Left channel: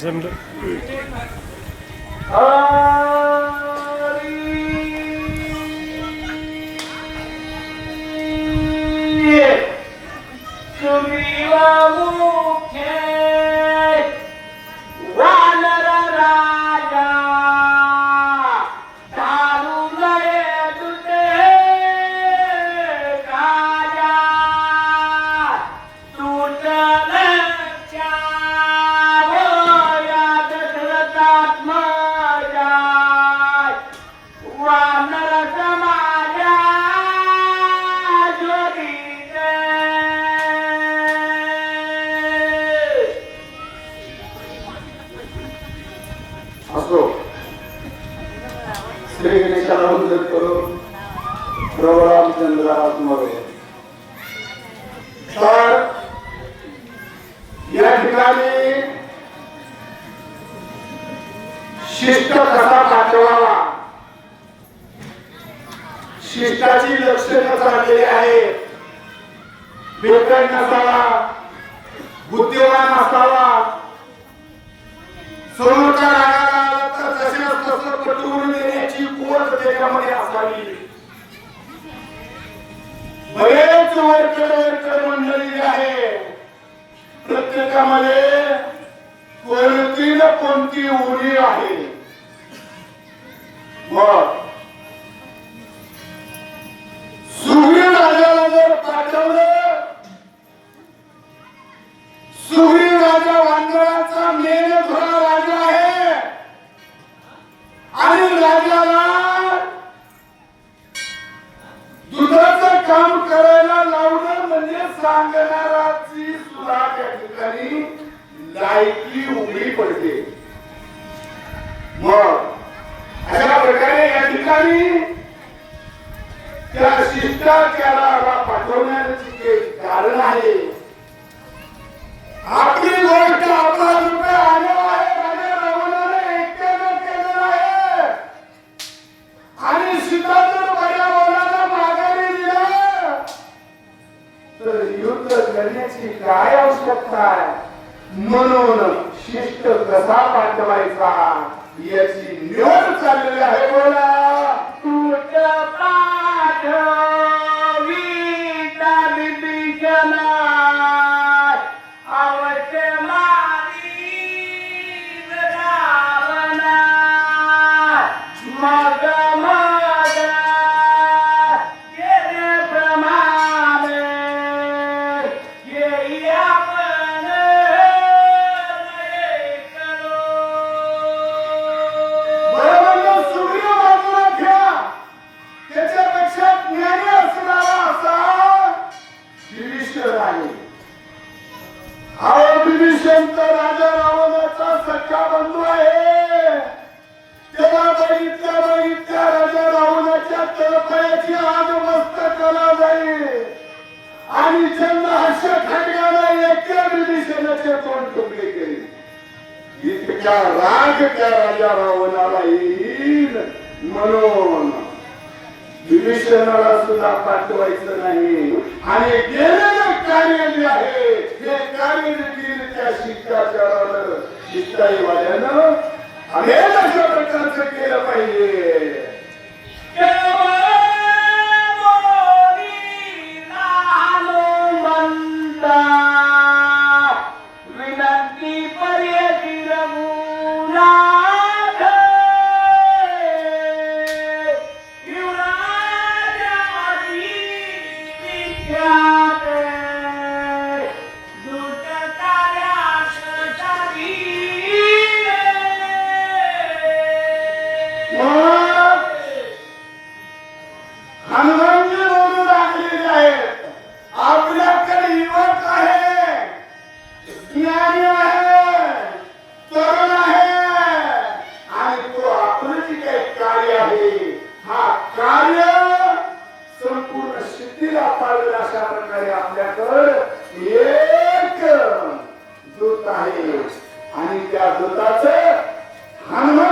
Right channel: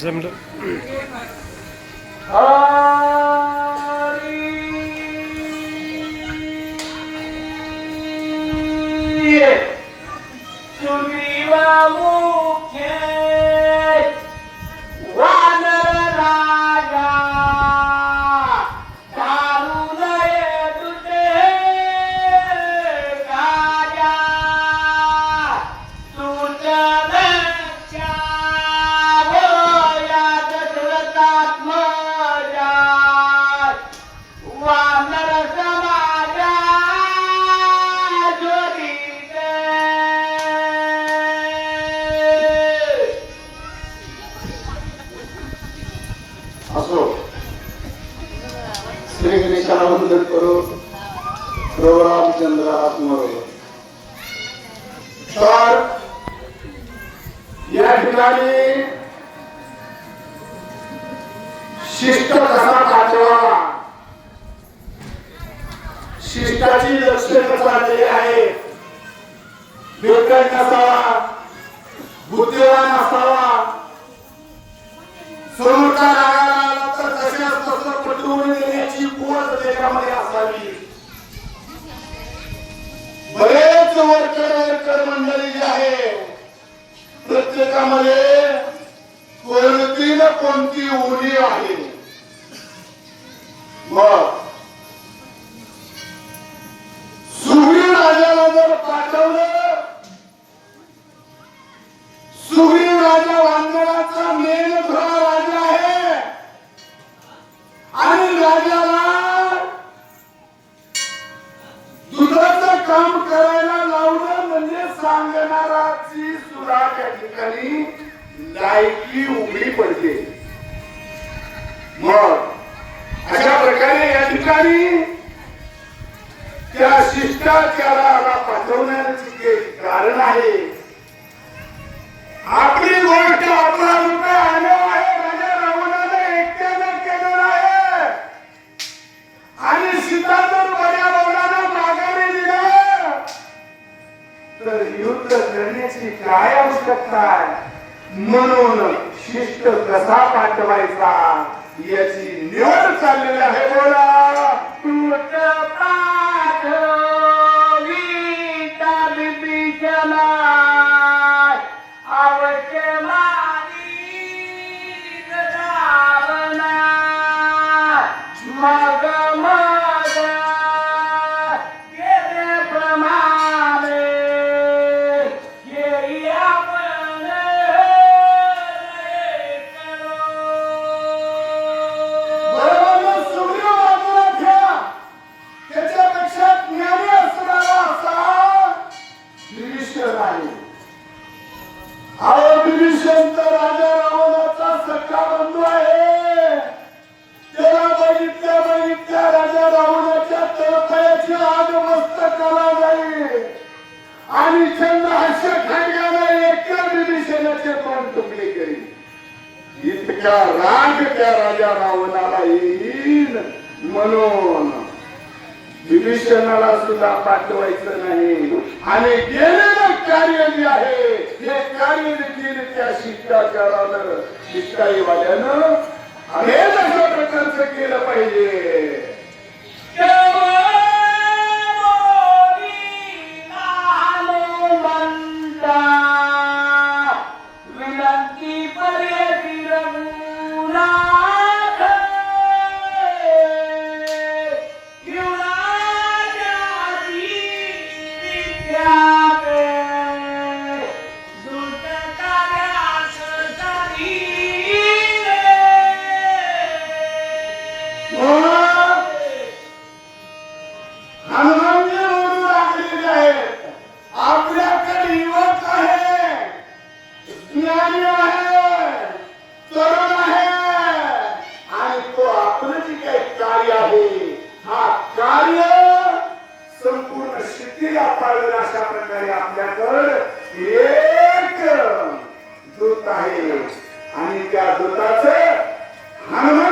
જમલો मदत करो. करू प्रभू तर या ठिकाणी शिष्ट कसा पाठवावा? शिष्टाची लक्षणं चाललेली आहेत. बेकाय नसावा बुद्धिवान असावा. समोरचा देण्याची पोच असावी बरेच वर्कर वर्कर मंडळी जी आहे प्रत्येकामध्ये कोणती न कोणती उडी आहे मग सुग्री राजाला जर पाठवलं सुग्री राजा वानराचा मेन खरा राजा आहे आणि राजाला काम करायला लावणं म्हणजे सांगणाराची सुद्धा त्या ठिकाणी लायकी उघडी पडते. मग अशा प्रकारे या ठिकाणी त्या शिष्टाचाराला पाठवण्याचे जे कारण आहे आपली गोष्ट आपला रुपये आलो म्हणून शिष्ट कसा पाठवायचा. याची निवड चाललेली आहे. बोला. तूच अहो विभीषण राजा रावणाचा सख्खा बंधू आहे. त्याला बघितल्या बघितल्या राजा रावणाच्या तळपायाची आग मस्तकाला जाईल. आणि चंद हर्ष खडगाने एका विभीषणाचे तोंड तुकडे करी इतका राग त्या राजा रावणाला येईल म्हणून. विभीषणाला सुद्धा पाठवायचं नाही. आणि केलेलं कार्य जे आहे हे कार्य देखील त्या शिष्टाचारानं शिष्टाईवाल्यानं अनेक अशा प्रकारचं केलं पाहिजे विनंती कार्य आहे. हा कार्य संपूर्ण शिथिला पाळलं अशा प्रकारे आपल्याकडे एक दूत आहे. आणि त्या दूताच हनुमानजी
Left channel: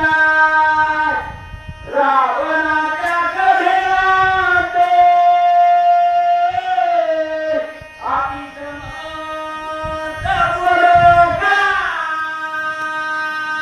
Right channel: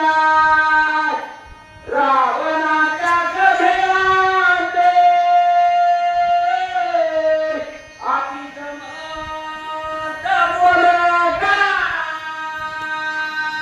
আল্লাহ